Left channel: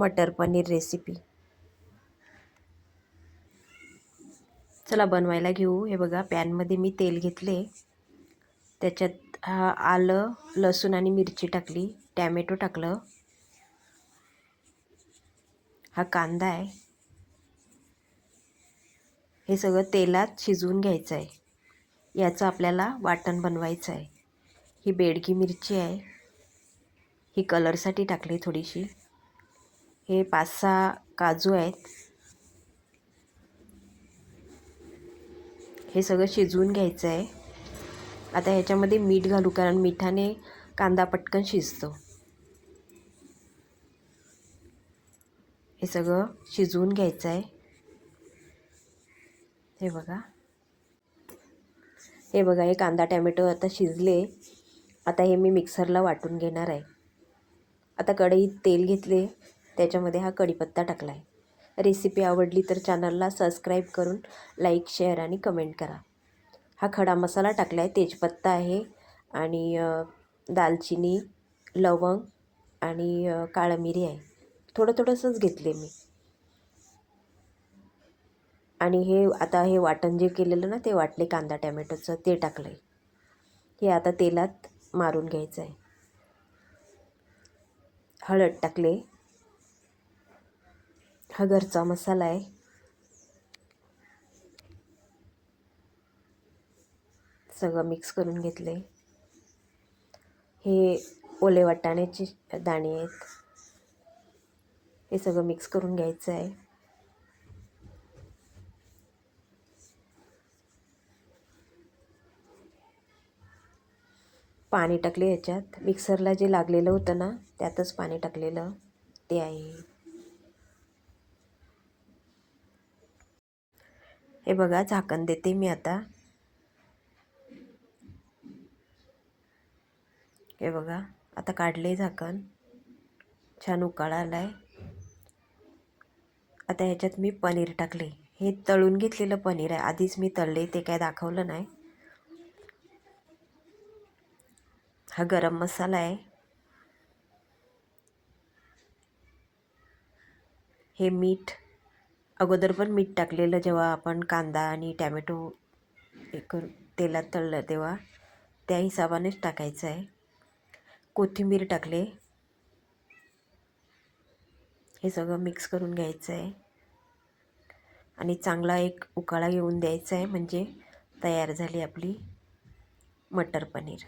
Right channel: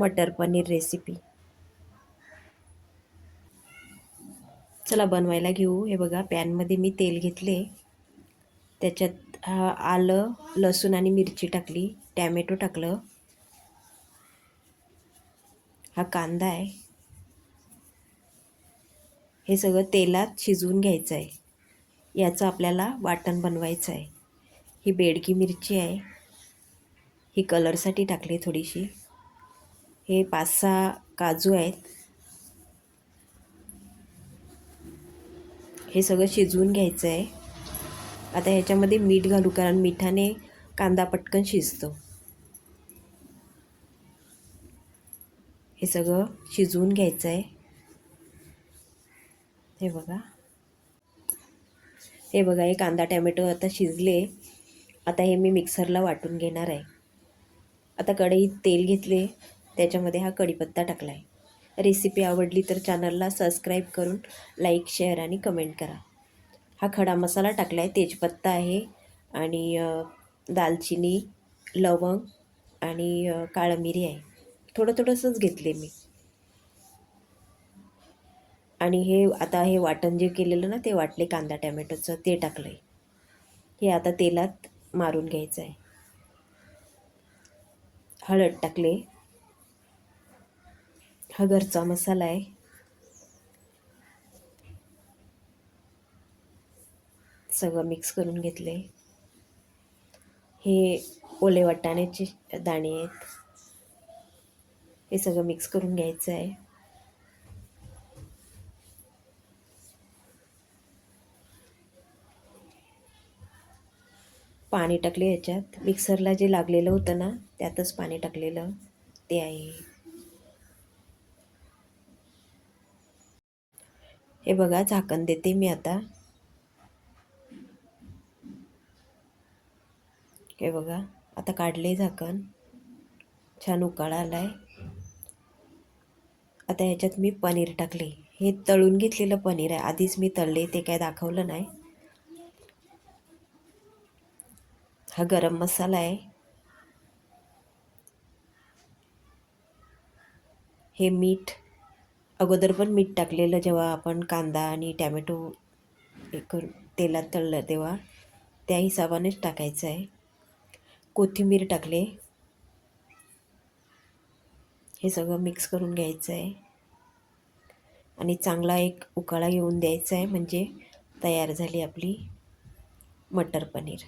मटर paneer recipe. चला बनवायला घेऊ. हे बघा, पॅनमध्ये मी तेल घेतले, त्याच्यात आलं, लसूण आणि मिरची टाकली, टॅमॅटो टाकलं, हा कांदा आहे. हे सगळं तेलात शिजवून घ्यायचं आहे. याचं आपल्याला वाटण बनवायचं आहे. ही बेडगी मिरची आहे, ही कलरसाठी टाकली थोडीशी. हे 5-6 काजू आहेत. हे सगळं शिजवून घ्यायचं आहे. आता ह्याच्यामध्ये मीठ घालू, कारण मिठाने कांदा पटकन शिजतो. हे सगळं शिजवून घ्यायचं आहे. हे बघा, हे कांदा टॅमॅटो आता शिजले. आता हे मी मिक्सरला वाटून घेणार आहे. आता कढईत तेल घेतले, त्याच्यामध्ये हा कढीपत्ता टाकला आहे. रेसिपी आवडली तर चॅनलला सबस्क्राईब करून लाईक, शेअर आणि कमेंट करा. हा खडा मसाला टाकला आहे, तेजपत्ता आहे आणि दालचिनी, लवंग आणि काळं मिरी आहे. थोडंसंच घेतले मी. आणि हे आता हे वाटण जे केलेलं ना, ते वाटले कांदा टॅमॅटोचं, ते टाकलं आहे. हे आता तेलात मारून घ्यायचं आहे. हळद टाकले, हा घरचा मसाला आहे. सगळं मिक्स करून घेतले. हे ओले वाटाण्याचे दाणे आहेत. हे सगळं मिक्स करून घ्यायचं आहे. पाणी टाकले याच्यात. मिक्सरला जे लागलेलं होतं ना, त्यातच पाणी टाकलेलं ते आहे. हे बघा, झाकण देते मी आता. हे बघा, आता काढले झाकण. छान उकाळा आलाय. आता ह्याच्यात मी पनीर टाकले. हे तळून घेतलेलं पनीर आहे, आधीच मी तळले, ते काय दाखवलं नाही. हा गरम मसाला आहे. हे मीठ, अगोदर पण मीठ टाकलेलं जेव्हा आपण कांदा आणि टॅमॅटो तेलात तळलं तेव्हा, त्या हिशोबानेच टाकायचं आहे. कोथिंबीर टाकले. हे सगळं मिक्स करून घ्यायचं आहे आणि चांगला एक उकाळा येऊन द्यायचा आहे. म्हणजे तयार झाली आपली मटर पनीर.